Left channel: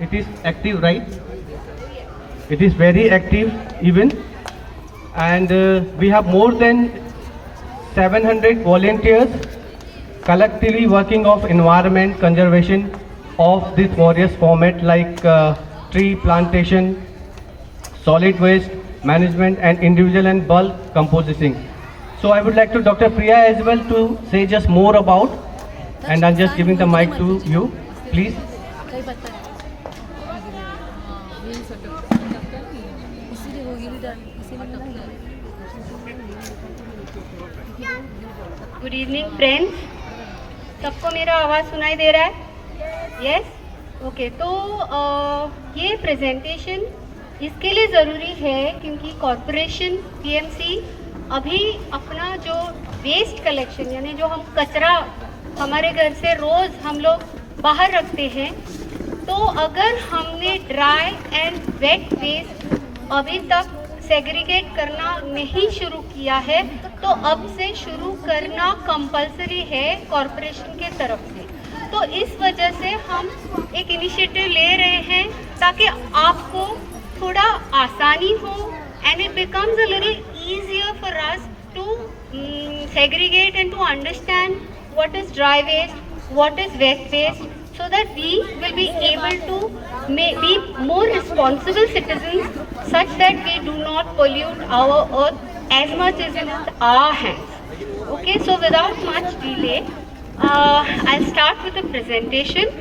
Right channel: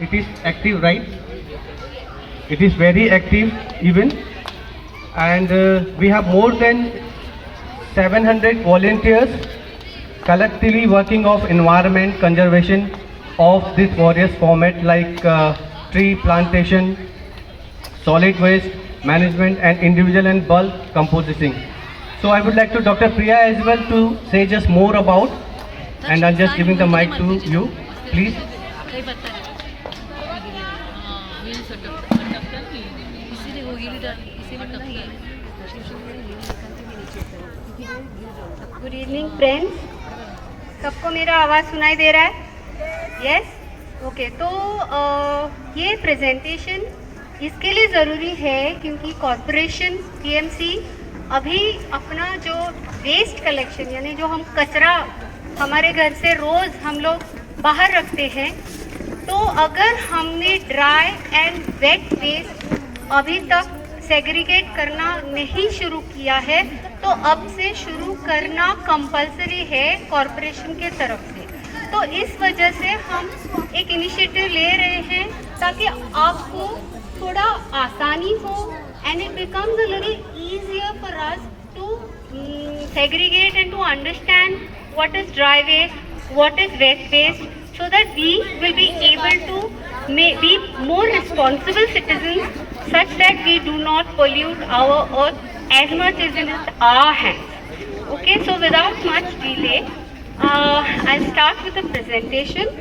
It is active, right? It is very active even, and we have more than 700 volunteers collectively working of environment conservation of this various format like tree plantation, solid waste management and individual and bulk composting. So I would like to Dr. Priya as well to say just more about, and I'm just giving the mic to you, please. Good evening friends, सबको मेरा आवाज़ सुनाई दे रहा है? Yes, okay. तो ये presentation इसके लिए ज़रूरी है क्योंकि कॉरपोरेशन टीएमसी अभी अपना जो वेस्ट कलेक्शन यानी जो हम कचरा हमारे घर से रोज़ हम लोग बाहर रखते हैं, तो अगर हमने ड्राई एंड वेट वेस्ट अभी तक सेग्रीगेट करना नहीं शुरू किया है तो अब से शुरू करना कंपलसरी है कॉरपोरेशन के तरफ से। तो इस वजह से हम एक इनिशिएटिव ले रहे हैं ताकि आपको थोड़ा आसानी हो and it becomes a little easier for us to segregate and to understand what is dry waste, what is wet waste, so that we will be able to be more responsible citizens such that we do not pollute our earth as much as in our hands. Okay, so without much delay, I'll start with the presentation.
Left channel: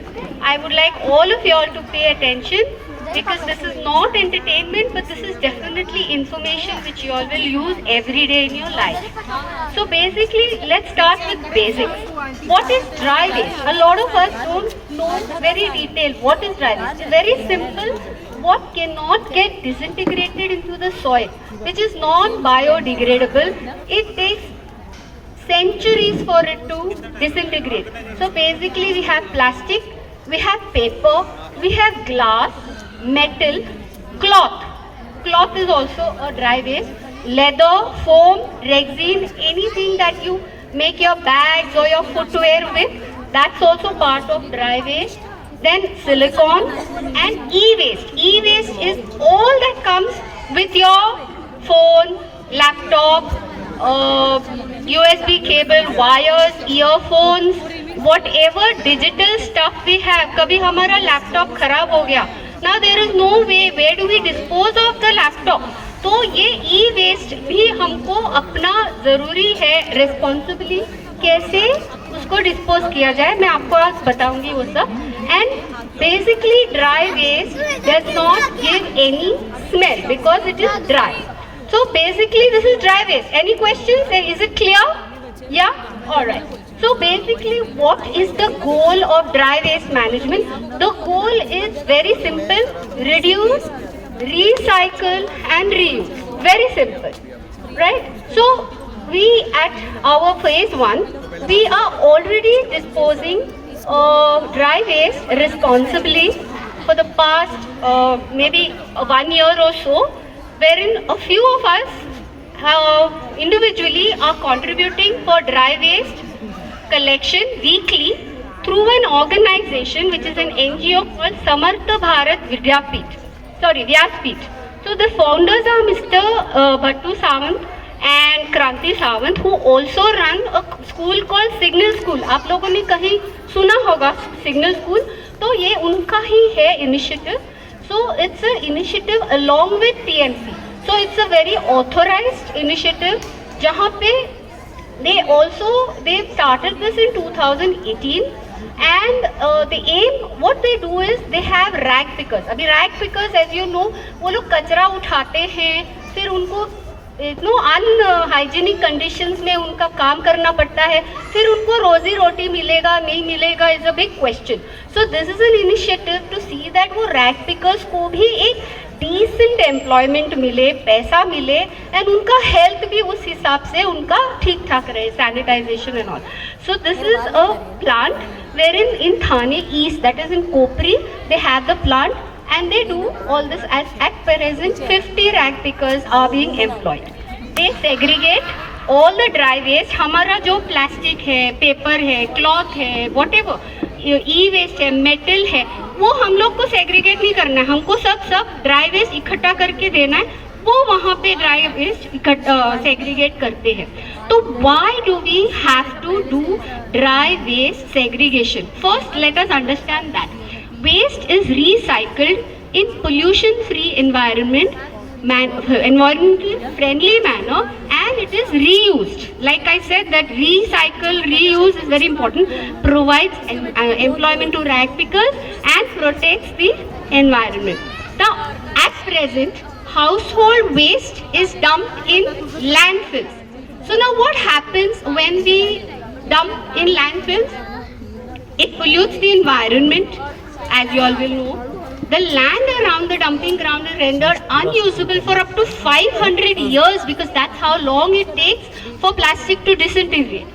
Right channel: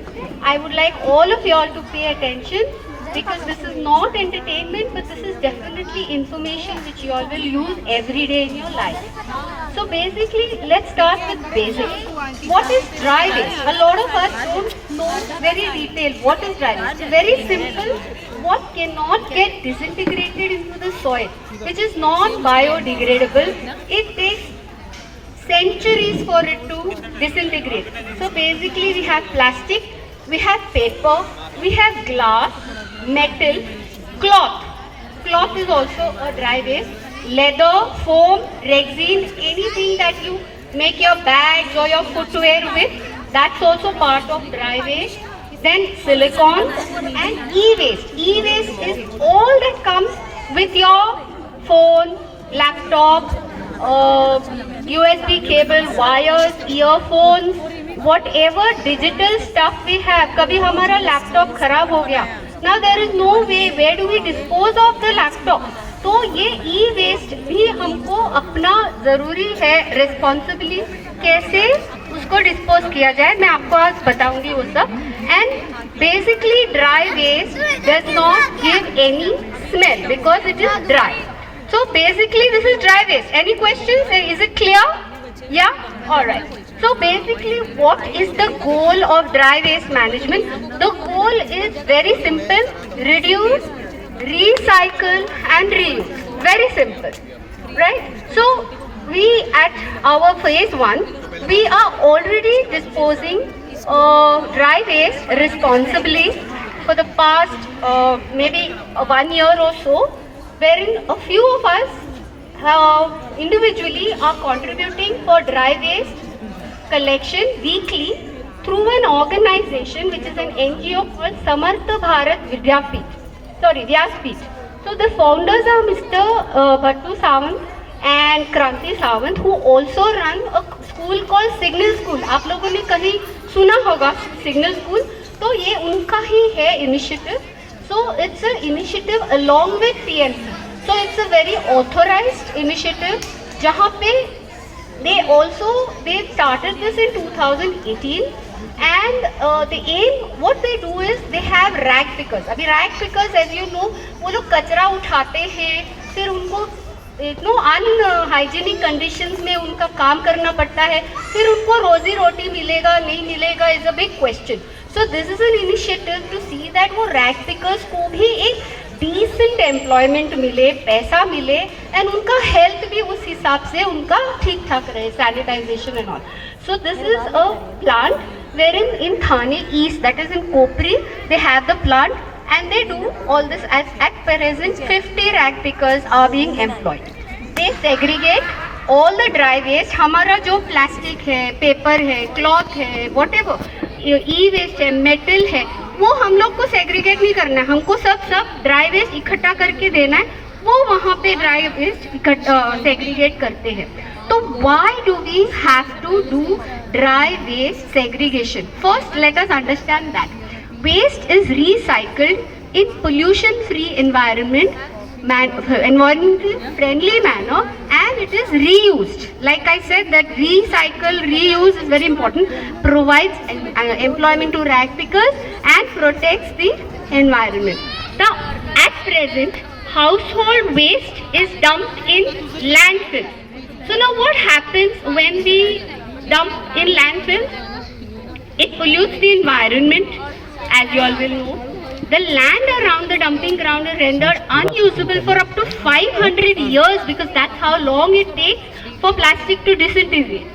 I would like all of you all to pay attention because this is not entertainment but this is definitely information which you all will use every day in your life. So basically, let's start with basics. What is dry waste? A lot of us don't know very detailed what is dry waste. Very simple, what cannot get disintegrated into the soil, which is non-biodegradable. It takes centuries for it to disintegrate. So basically we have plastic, we have paper, we have glass, metal, cloth. Cloth is also a dry waste. Leather, foam, resin, anything that you make your bags or your footwear with, that's also part of dry waste. Then silicone and e-waste. E-waste is all that comes with your phone, laptop, USB cable, wires, earphones, whatever digital stuff we have. कभी हमारा laptop खराब हो गया, now there is no way, where do we dispose of the laptop? तो ये ई waste भी हमको अपना ज़रूरी है रिस्पॉन्सिबली कैसे उसको डिस्पोज किया जाए, मैं आपको आज बताऊंगी वो सब। And basically dry waste does not give any smell because it is dry. So basically this is dry waste. Any questions? Is it clear? Yeah, alright. So basically what is the goal of dry waste management? The goal is very simple: reduce, recycle and reuse. Very simple, right? So we at our phase 1 we are already disposing dry waste responsibly for the past maybe 1 year or so, wherein a few of us individually are contributing for dry waste collection weekly through an organization which is an NGO called Samartha Bharat Vyaspeeth. So the founders are Mr. Bhattu Sawant and Kranti Sawant, who also run a school called Signal School. आप लोगों ने कहीं सुना होगा Signal School, तो ये उनका ही है initiative. So it's an initiative along with TMC. So it's a very authorized initiative जहाँ पे they started this in 2018 and the aim what they do is they have rag pickers. अभी rag pickers as you know वो लोग कचरा उठाते हैं, फिर उनको अनहाइजीनिक कंडीशंस में उनका काम करना पड़ता है, फिर उनको रोजी रोटी मिलेगा नहीं मिलेगा is a big question. So this is an initiative to see that वो रैग पिकर्स को भी एक डिसेंट एम्प्लॉयमेंट मिले, पैसा मिले एंड उनका हेल्थ भी उस हिसाब से उनका ठीक ठाक रहे, sanitisation and all. So this is a plant wherein in Thane East, that is in Kopri, they have the plant and they do all this. At present 50 rag pickers are being employed. They segregate all the dry waste. हमारा जो plastic है, paper है, cloth है, whatever, ई waste है, metal है, वो हम लोग को सेग्रीगेट नहीं करना है, हमको सब ड्राई वेस्ट इकट्ठा करके देना है, वो वहाँ पे ड्राई वेस्ट सेग्रीगेट करते हैं। तो why do we have to do dry waste segregation? First let us understand that waste is recycled in pollution free environment, environmental friendly manner, and it is reused. Like I said, that recycle, reuse is very important, provides employment to rag pickers and protects the environment. Now at present, household waste is dumped in landfills. So now what happens when we dump in landfills? It pollutes the environment. As you all will know, the land around the dumping ground is rendered unusable for up to 500 years, because that's how long it takes for plastic to disintegrate.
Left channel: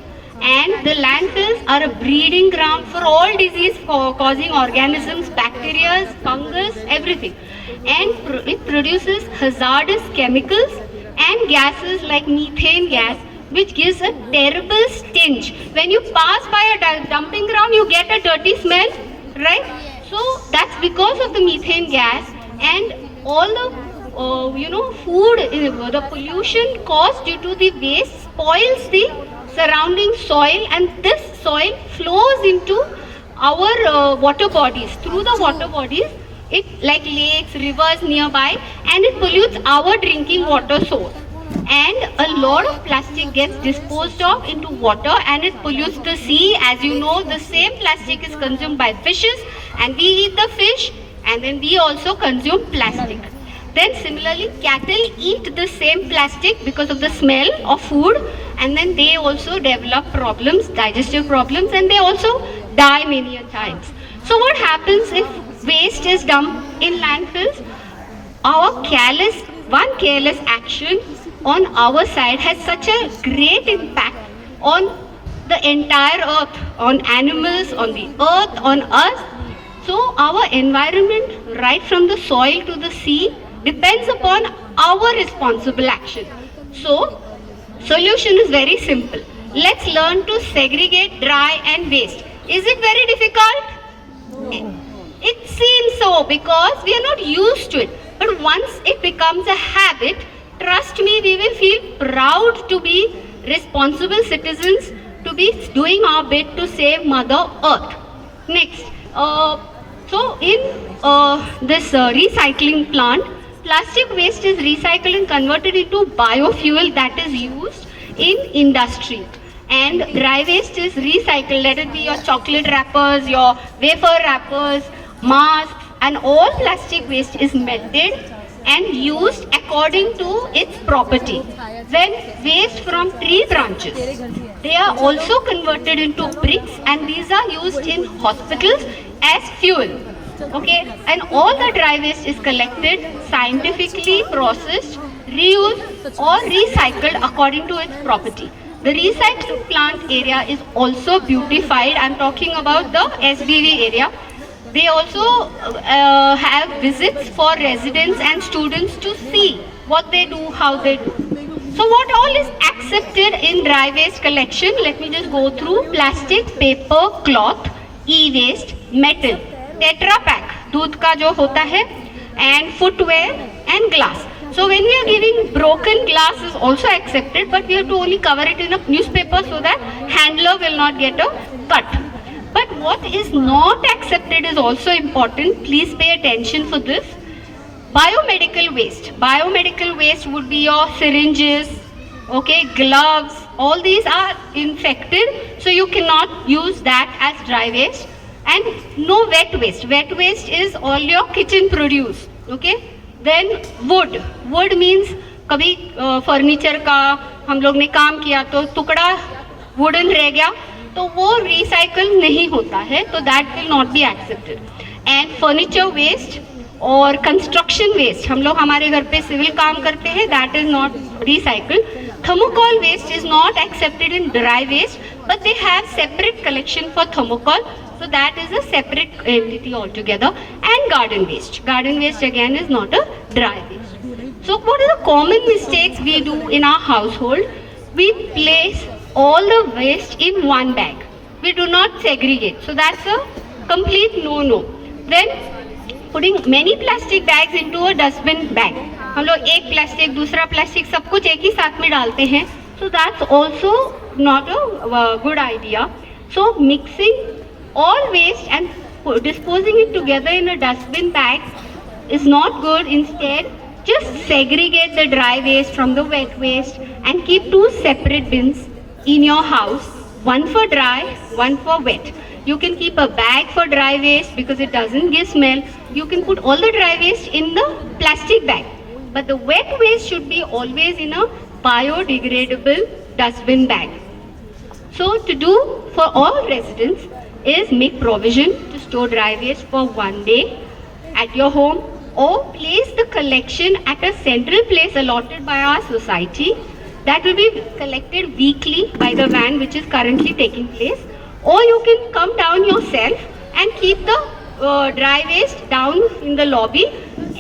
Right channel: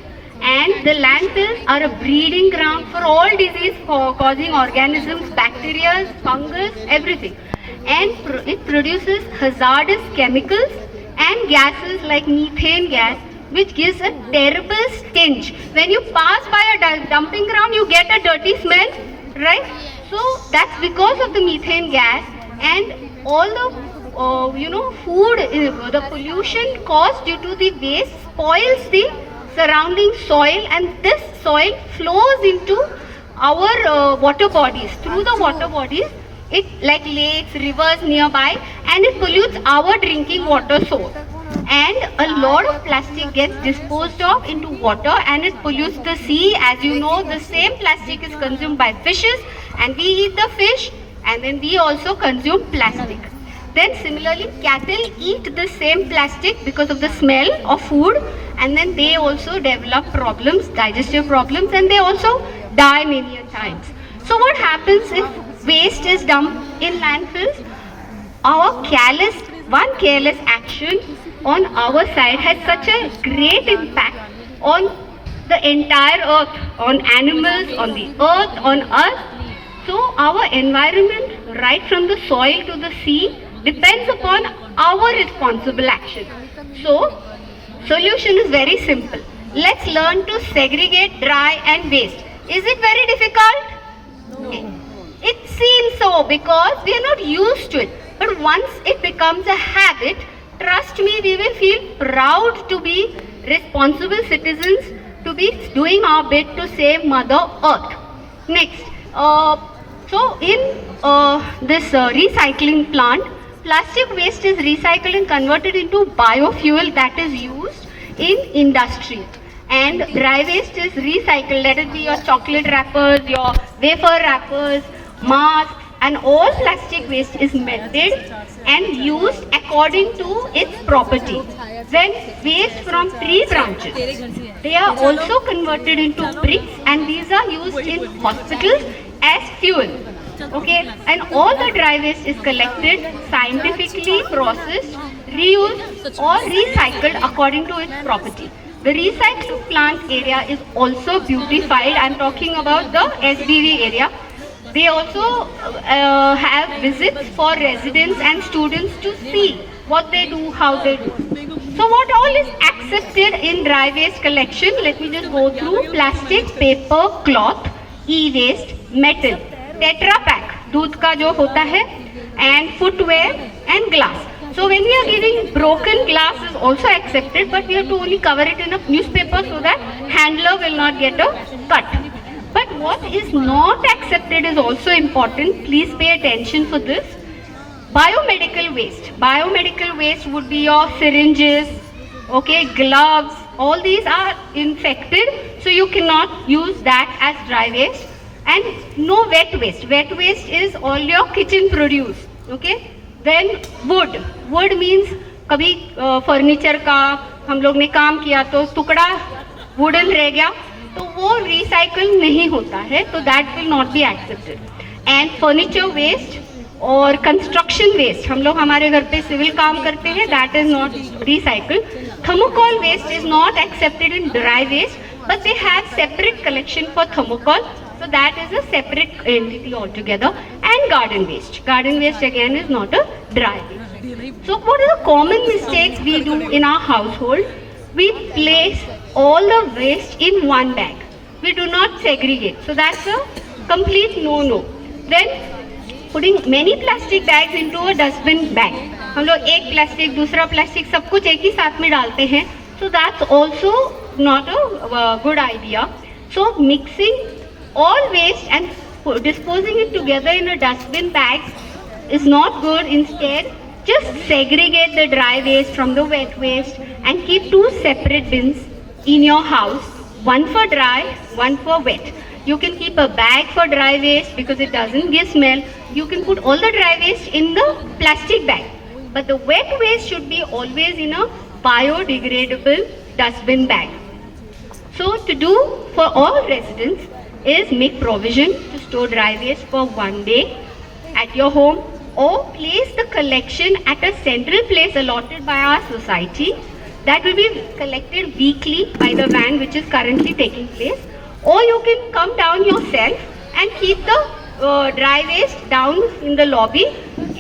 And the landfills are a breeding ground for all disease-causing organisms, bacteria, fungus, everything. And it produces hazardous chemicals and gases like methane gas, which gives a terrible stench. When you pass by a dumping ground, you get a dirty smell, right? So that's because of the methane gas, and all the food, the pollution caused due to the waste spoils the surrounding soil, and this soil flows into our water bodies. Through the water bodies, it like lakes, rivers nearby, and it pollutes our drinking water source. And a lot of plastic gets disposed of into water, and it pollutes the sea. As you know, the same plastic is consumed by fishes, and we eat the fish, and then we also consume plastic. Then similarly, cattle eat the same plastic because of the smell of food, and then they also develop problems, digestive problems, and they also die many a times. So what happens if waste is dumped in landfills? One careless action on our side has such a great impact on the entire earth, on animals, on the earth, on us. So our environment, right from the soil to the sea, depends upon our responsible action. So solution is very simple. Let's learn to segregate dry and waste. Is it very difficult? It seems so, because we are not used to it. But once it becomes a habit, trust me, we will feel proud to be responsible citizens, to be doing our bit to save Mother Earth. Next, so in this recycling plant, plastic waste is recycled and converted into biofuel that is used in industry. And dry waste is recycled, let it be your chocolate wrappers, your wafer wrappers, masks, and all plastic waste is melted and used according to its property. Then waste from tree branches, they are also converted into bricks, and these are used in hospitals as fuel. Okay, and all the dry waste is collected, scientifically processed, reused or recycled according to its property. The recycling plant area is also beautified. I am talking about the SBV area. They also have visits for residents and students to see what they do, how they do. So what all is accepted in dry waste collection? Let me just go through. Plastic, paper, cloth, e-waste, metal, Tetra Pak, दूध का जो होता है, and footwear and glass. So when we are giving broken glass is also accepted, but we have to only cover it in a newspaper so that handler will not get a cut. But what is not accepted is also important. Please pay attention for this. Biomedical waste. Biomedical waste would be your syringes, okay, gloves. All these are infected, so you cannot use that as dry waste. And no wet waste. Wet waste is all your kitchen produce, okay. Then wood. Wood means कभी furniture का हम लोग ने काम किया तो टुकड़ा wooden रह गया, तो वो रिसाइकल नहीं होता है, तो that will not be accepted. And furniture waste और कंस्ट्रक्शन वेस्ट, हम लोग हमारे घर पे सिविल काम करते हैं, that is not recycle. Thermocol waste is not accepted in dry waste, but they have separate collection for thermocol, so that is a separate entity altogether. And garden waste. Garden waste again is not a dry waste. So what are the common mistakes we do in our household? We place all the waste in one bag. We do not segregate. So that's a complete no-no. Then putting many plastic bags into a dustbin bag. हम लोग एक plastic दूसरा plastic सब कुछ एक ही साथ में डालते हैं. So that's also not a good idea. So mixing all waste and disposing it together in a dustbin bag is not good. Instead, just segregate the dry waste from the wet waste and keep two separate bins in your house, one for dry, one for wet. You can keep a bag for dry waste because it doesn't give smell. You can put all the dry waste in the plastic bag. But the wet waste should be always in a biodegradable dustbin bag. So to do for all residents is make provision to store dry waste for one day at your home, or place the collection at a central place allotted by our society that will be collected weekly by the van which is currently taking place, or you can come down yourself and keep the dry waste down in the lobby.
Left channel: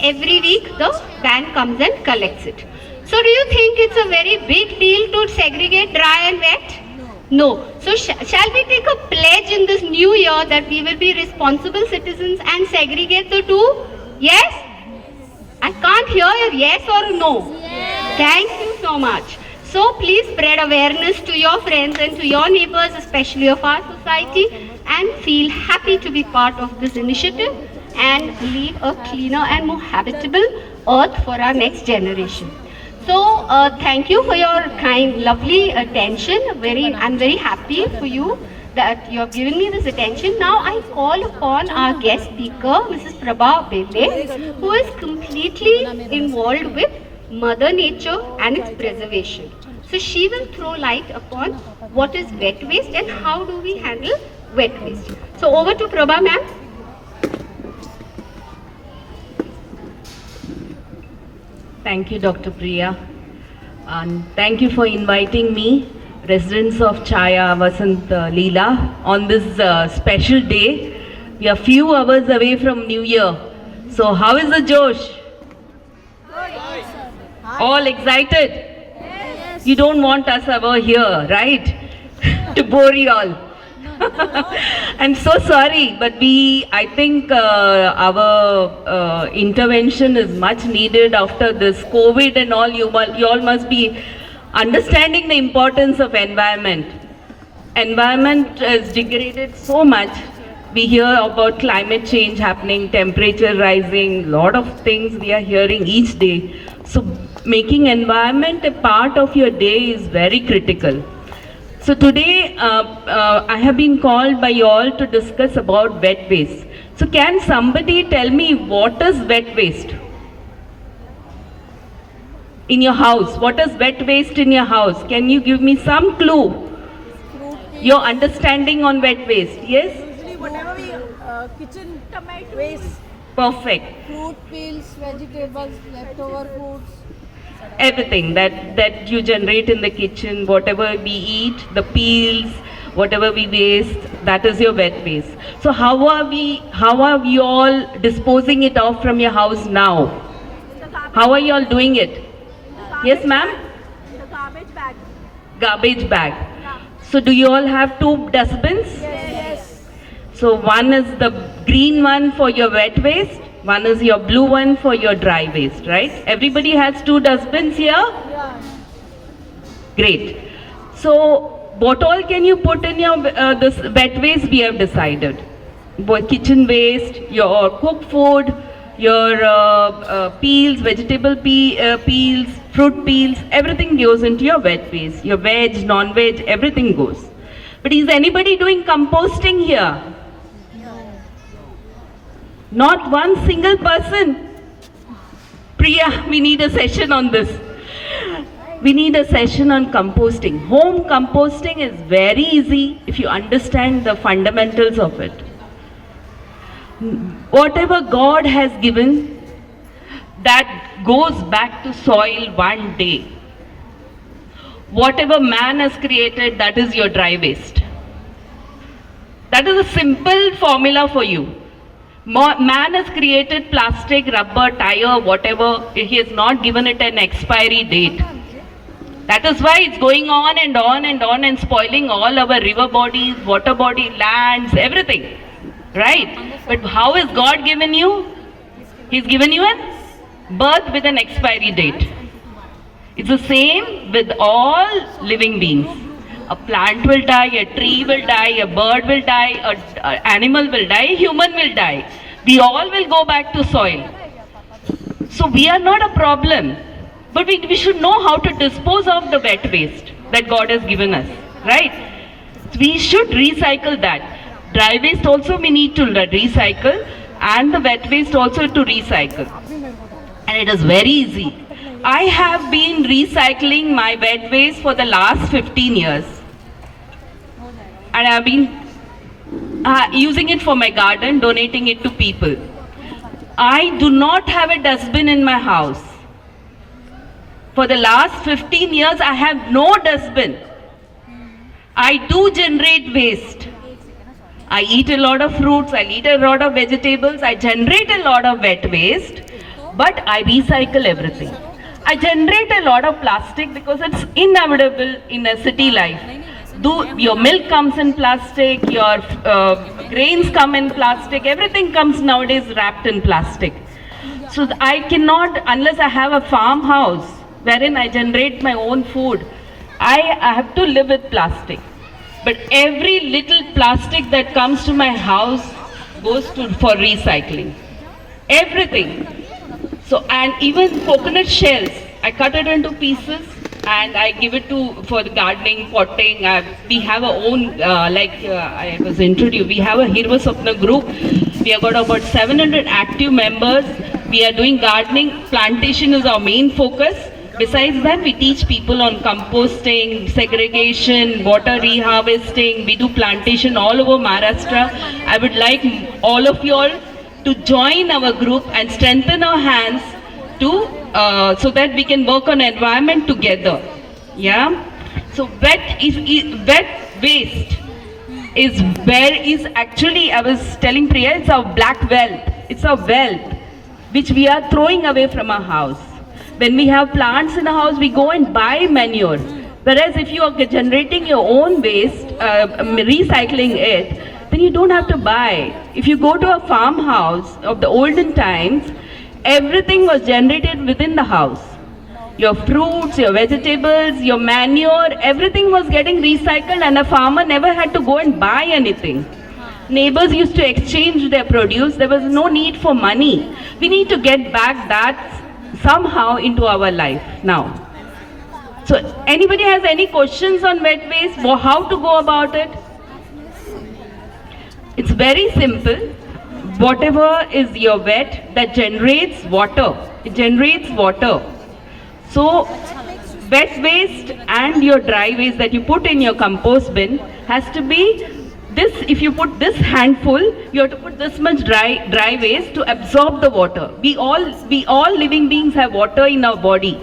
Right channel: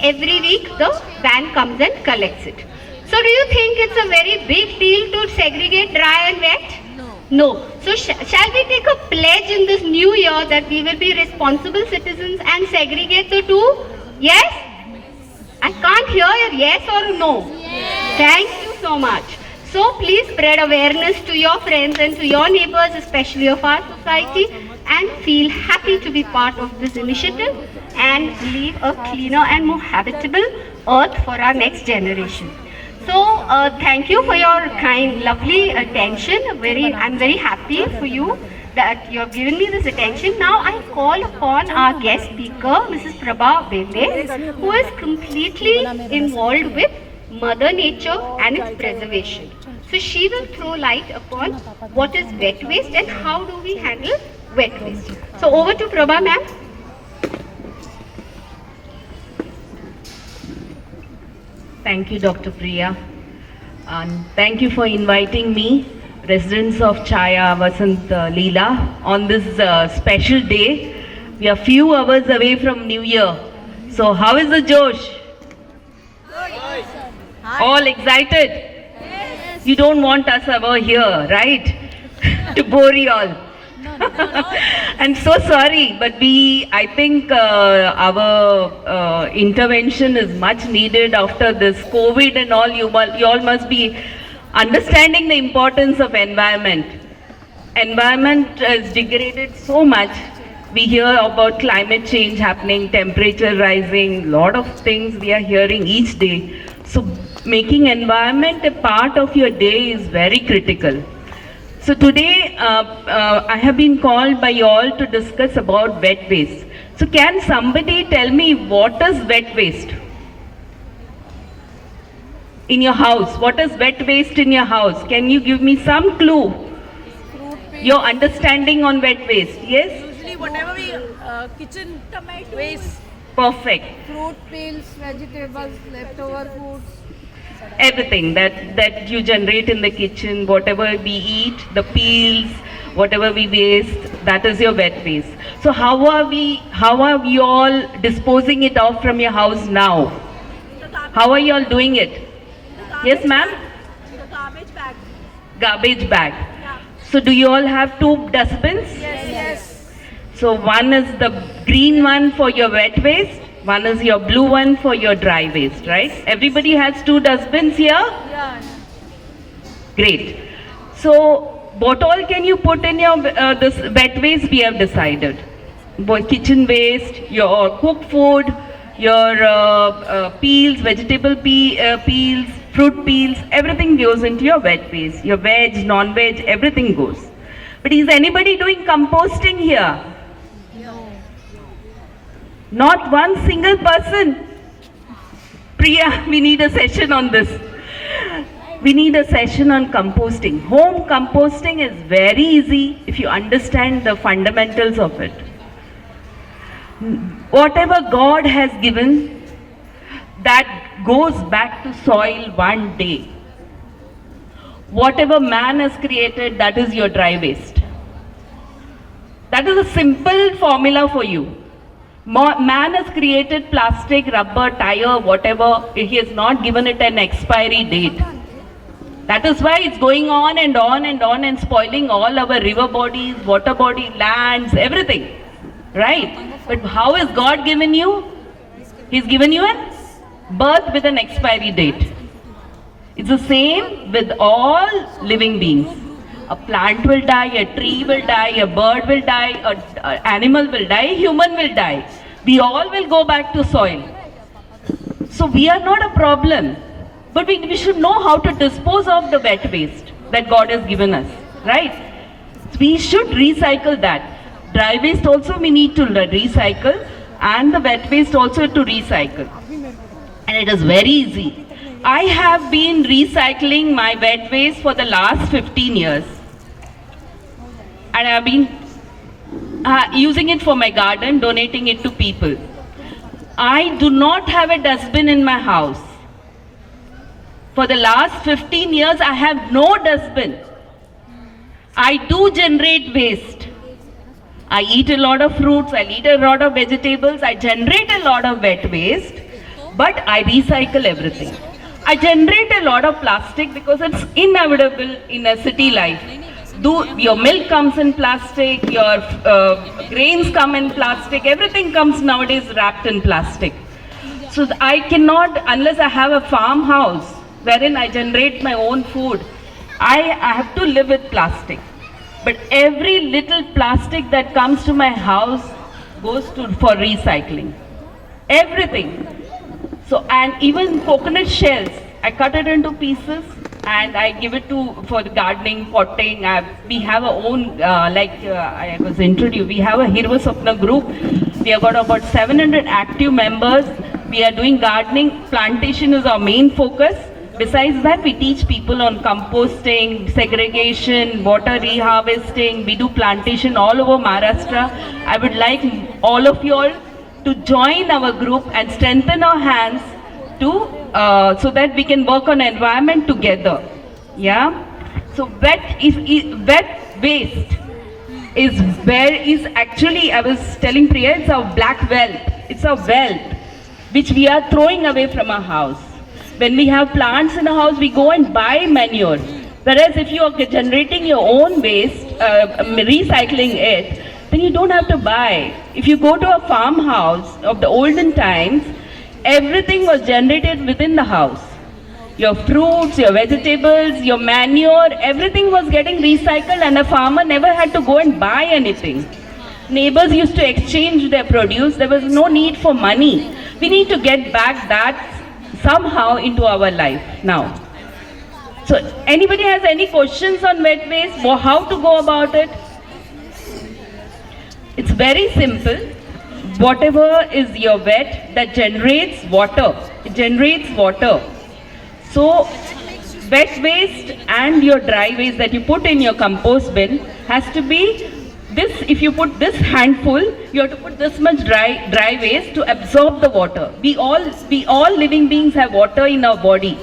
Every week the van comes and collects it. So do you think it's a very big deal to segregate dry and wet? No. So shall we take a pledge in this new year that we will be responsible citizens and segregate the two? Yes? I can't hear a yes or a no. Yes. Thank you so much. So please spread awareness to your friends and to your neighbors, especially of our society, and feel happy to be part of this initiative and leave a cleaner and more habitable earth for our next generation. So thank you for your kind, lovely attention. I'm very happy for you that you have given me this attention. Now I call upon our guest speaker, Mrs. Prabha Bende, who is completely involved with Mother Nature and its preservation. So she will throw light upon what is wet waste and how do we handle wet waste. So over to Prabha ma'am. Thank you, Dr. Priya, and thank you for inviting me, residents of Chaya, Vasant, Leela, on this special day. We are few hours away from New Year. So how is the Josh? All excited? Yes. You don't want us over here, right? To bore you all. I'm so sorry, but I think our intervention is much needed after this COVID and all. You all must be understanding the importance of environment. Environment is degraded so much. We hear about climate change happening, temperature rising, lot of things we are hearing each day. So making environment a part of your day is very critical. So today I have been called by you all to discuss about wet waste. So can somebody tell me what is wet waste? In your house, what is wet waste in your house? Can you give me some clue? Your understanding on wet waste, yes? Usually whatever we kitchen tomato waste. Perfect. Fruit peels, vegetables, leftover foods. Everything that you generate in the kitchen, whatever we eat, the peels, whatever we waste, that is your wet waste. So how are we all disposing it off from your house now? How are you all doing it? Yes, ma'am? The garbage bag. Garbage bag. Yeah. So do you all have two dustbins? Yes. So one is the green one for your wet waste, one is your blue one for your dry waste, right? Everybody has two dustbins here? Yeah. Great. So what all can you put in your this wet waste we have decided? Kitchen waste, your cooked food, your peels, vegetable peels, fruit peels, everything goes into your wet waste. Your veg, non-veg, everything goes. But is anybody doing composting here? Not one single person. Priya, we need a session on this. We need a session on composting. Home composting is very easy if you understand the fundamentals of it. Whatever God has given, that goes back to soil one day. Whatever man has created, that is your dry waste. That is a simple formula for you. Man has created plastic, rubber, tire, whatever. He has not given it an expiry date. That is why it's going on and on and on and spoiling all our river bodies, water body, lands, everything. right? But how is God given you? He's given you a birth with an expiry date. It's the same with all living beings. A plant will die, a tree will die, a bird will die, an animal will die, a human will die. We all will go back to soil. So we are not a problem. But we should know how to dispose of the wet waste that God has given us, right? We should recycle that. Dry waste also we need to recycle, and the wet waste also to recycle. And it is very easy. I have been recycling my wet waste for the last 15 years. And I have been using it for my garden, donating it to people. I do not have a dustbin in my house. For the last 15 years, I have no dustbin. I do generate waste. I eat a lot of fruits, I eat a lot of vegetables, I generate a lot of wet waste, but I recycle everything. I generate a lot of plastic because it's inevitable in a city life. Your milk comes in plastic, your grains come in plastic, everything comes nowadays wrapped in plastic. So I cannot, unless I have a farmhouse wherein I generate my own food, I have to live with plastic. But every little plastic that comes to my house goes for recycling. Everything. So, and even coconut shells, I cut it into pieces and I give it for the gardening, potting. We have our own, I was introduced, we have a Hirva Sapna group. We have got about 700 active members. We are doing gardening. Plantation is our main focus. Besides that, we teach people on composting, segregation, water reharvesting. We do plantation all over Maharashtra. I would like all of you all to join our group and strengthen our hands so that we can work on environment together. Yeah. So wet waste is actually, I was telling Priya, it's our black wealth. It's our wealth which we are throwing away from our house. When we have plants in a house, we go and buy manure. Whereas if you are generating your own waste, recycling it, then you don't have to buy. If you go to a farmhouse of the olden times, everything was generated within the house. Your fruits, your vegetables, your manure, everything was getting recycled and a farmer never had to go and buy anything. Neighbors used to exchange their produce. There was no need for money. We need to get back that somehow into our life now. So anybody has any questions on wet waste or how to go about it? It's very simple. Whatever is your wet that generates water, it generates water. So wet waste and your dry waste that you put in your compost bin has to be this. If you put this handful, you have to put this much dry waste to absorb the water. We all living beings have water in our body.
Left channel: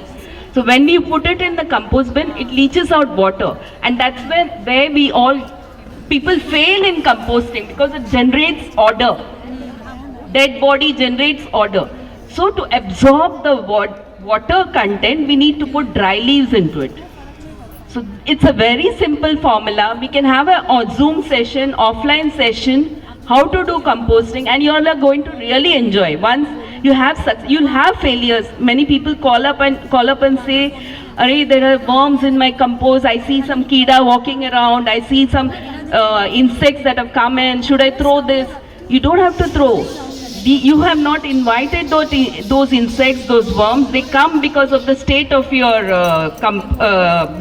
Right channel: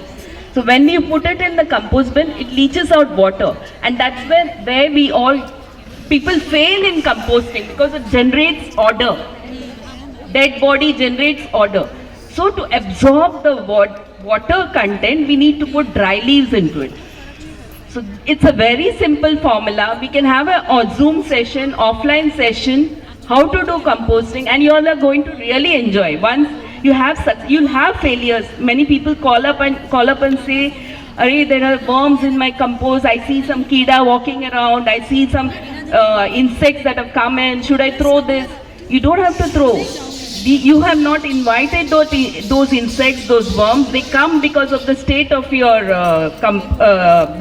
So when we put it in the compost bin, it leaches out water, and that's where people fail in composting because it generates odor. Dead body generates odor. So to absorb the water content, we need to put dry leaves into it. So it's a very simple formula. We can have a Zoom session, offline session, how to do composting, and you all are going to really enjoy. Once you'll have failures. Many people call up and say, "Arey, there are worms in my compost. I see some kida walking around. I see some insects that have come in. Should I throw this?" You don't have to throw. You have not invited those insects, those worms. They come because of the state of your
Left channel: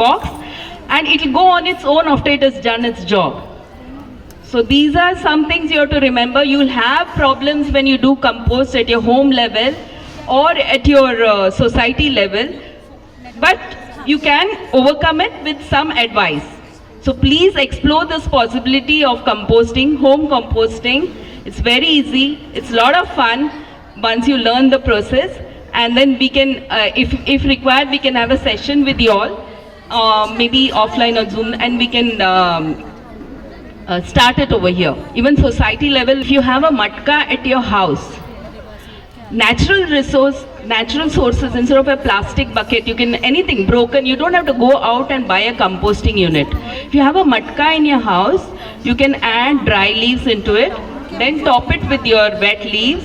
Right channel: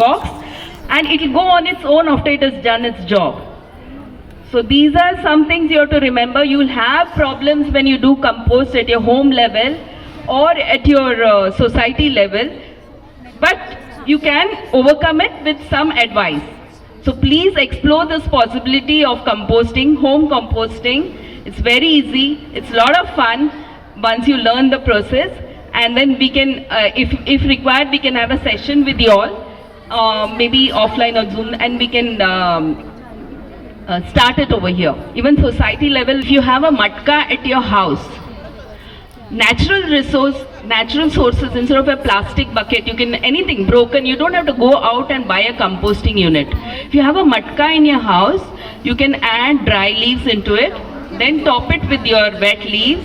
box, and it will go on its own after it has done its job. So these are some things you have to remember. You will have problems when you do compost at your home level or at your society level, but you can overcome it with some advice. So please explore this possibility of composting, home composting. It's very easy. It's a lot of fun once you learn the process, and then we can, if required, we can have a session with you all, maybe offline or Zoom, and we can start it over here. Even society level, if you have a matka at your house, natural sources, instead of a plastic bucket, you can, anything broken, you don't have to go out and buy a composting unit. If you have a matka in your house, you can add dry leaves into it, then top it with your wet leaves,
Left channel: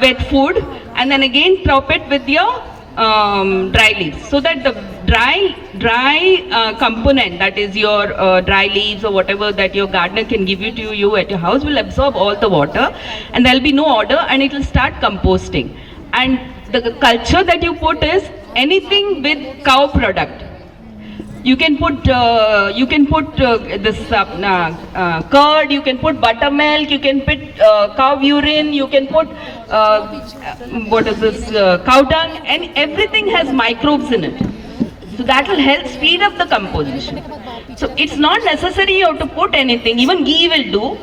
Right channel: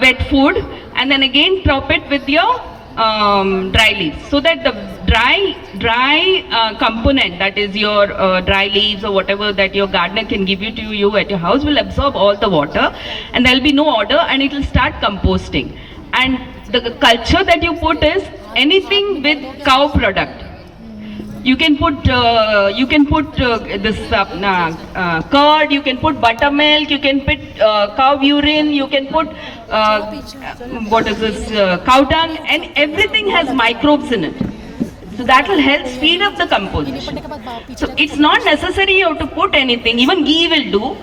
wet food, and then again top it with your dry leaves, so that the dry component, that is your dry leaves or whatever that your gardener can give you to you at your house, will absorb all the water, and there will be no odor, and it will start composting. And the culture that you put is anything with cow product. You can put this curd, you can put buttermilk, you can put cow urine, you can put cow dung, and everything has microbes in it. So that will help speed up the composition. So it's not necessary you have to put anything, even ghee will do.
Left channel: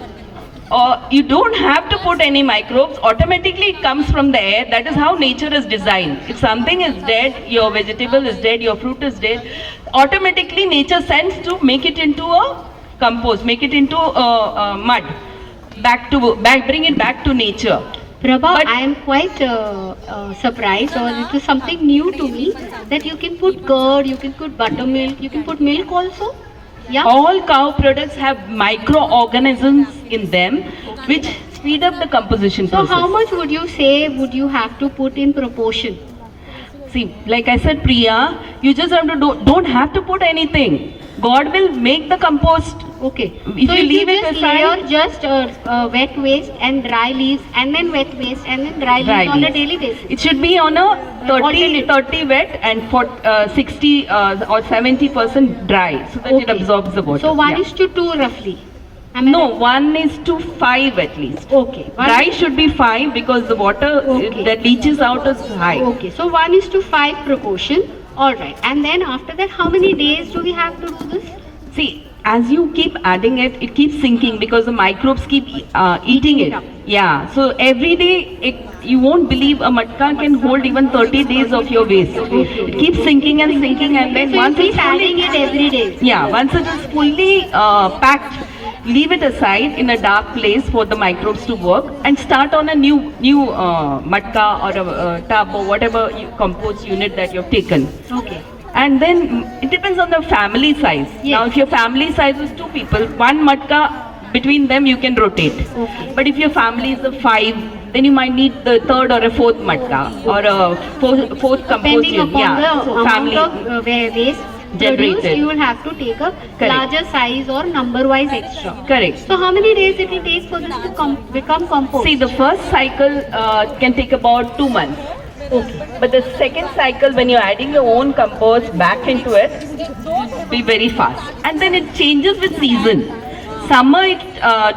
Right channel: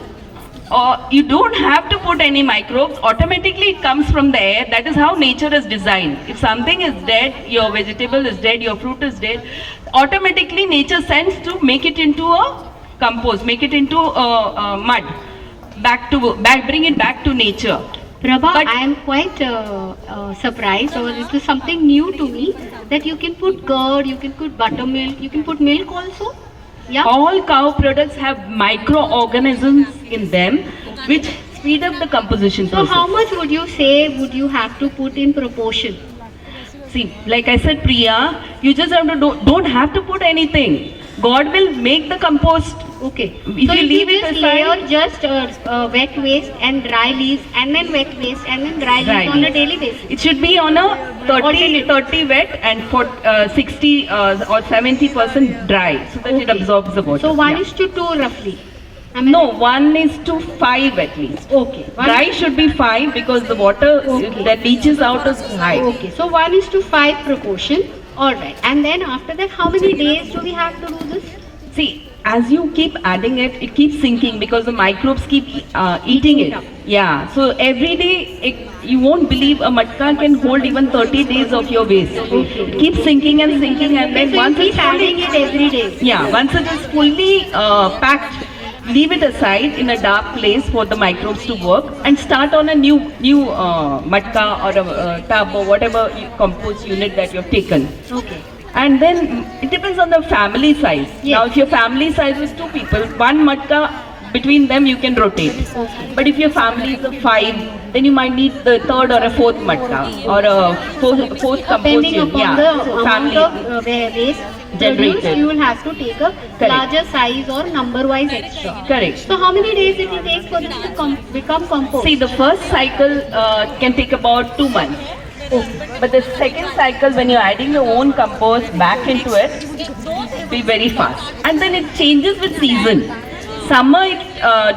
Or you don't have to put any microbes, automatically it comes from the air. That is how nature is designed. If something is dead, your vegetable is dead, your fruit is dead, automatically nature sends to make it into a compost, make it into mud, bring it back to nature. Prabha, I am quite surprised, or it is something new to me, that you can put curd, you can put buttermilk, you can put milk also. Yeah. All cow products have microorganisms in them which speed up the composition process. So how much would you say would you have to put in proportion? See, like I said, Priya, you just have to don't have to put anything. God will make the compost. Okay. If you leave it just aside, layer just wet waste and dry leaves, and then wet waste and then dry leaves on a daily basis. it should be on a 30 wet and 60 or 70% dry, so that it absorbs the water. So 1:2 roughly. No, 1:5 at least. Okay. Dry should be 5 because the water that leaches out is high. Okay. So 1:5 proportion. All right. And then after that, how many days do we have to do this? See, as you keep adding it, it keeps sinking because the microbes keep eating it. Yeah. So every day, you won't believe a matka can hold even 30 days of your waste. It keeps sinking and sinking, and then So once you keep it's adding it every day. once it is fully packed, leave it aside in a dark place for the microbes to work, and start on a new matka or a tub or whatever compost unit that you've taken. Okay. And then it depends on the family size. Yes. Now, if your family size is 2 people, one matka, between them you can rotate. Okay. But if your family is of 5, then you might need the 3rd or a 4th matka or a 4th compost Depending unit. upon the amount family of waste generated. produced, you will have to take a larger size or number-wise extra. Correct. So how many days it will take for this to become compost? See, the first cycle can take about 2 months. Okay. But the second cycle, when you're adding your own compost back into it, will be very fast. And then it changes with season. Summer it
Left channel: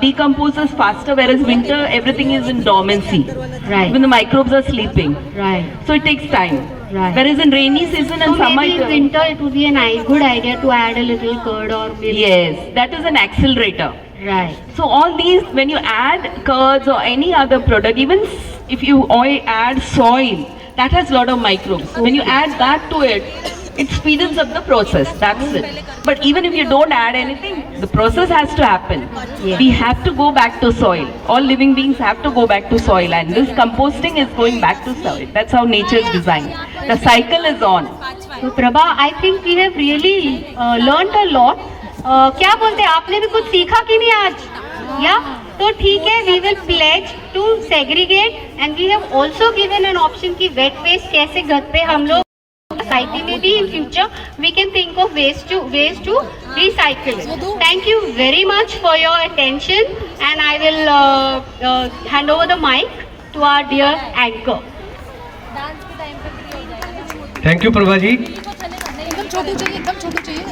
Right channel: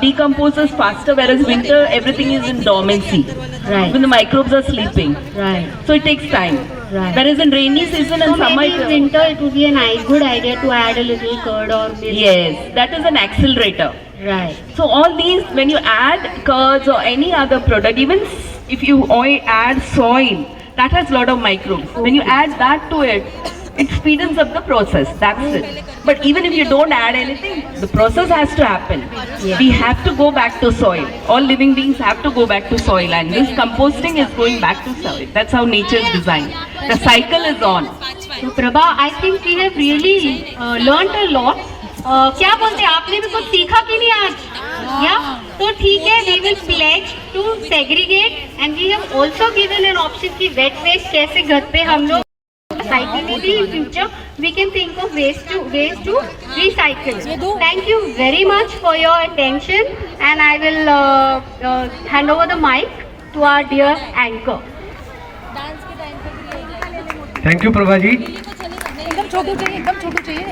decomposes faster, whereas winter everything is in dormancy. Right. Even the microbes are sleeping. Right. So it takes time. Right. Whereas in rainy season and So summer, maybe in winter it would be a good idea to add a little curd or milk. yes, that is an accelerator. Right. So all these, when you add curds or any other product, even if you add soil, that has a lot of microbes. When you add that to it, it speeds up the process. That's it. But even if you don't add anything, the process has to happen. Yeah. We have to go back to soil. All living beings have to go back to soil, and this composting is going back to soil. That's how nature is designed. The cycle is on. So Prabha, I think we have really learned a lot. क्या बोलते हैं, आपने भी कुछ सीखा कि नहीं आज? Yeah. तो ठीक है, we will pledge to segregate, and we have also given an option कि wet waste कैसे घर पे हम लोग society में भी in future we can think of ways to recycle. Thank you very much for your attention, and I will hand over the mic to our dear anchor. Thank you, Prabha ji. एकदम छोटू चाहिए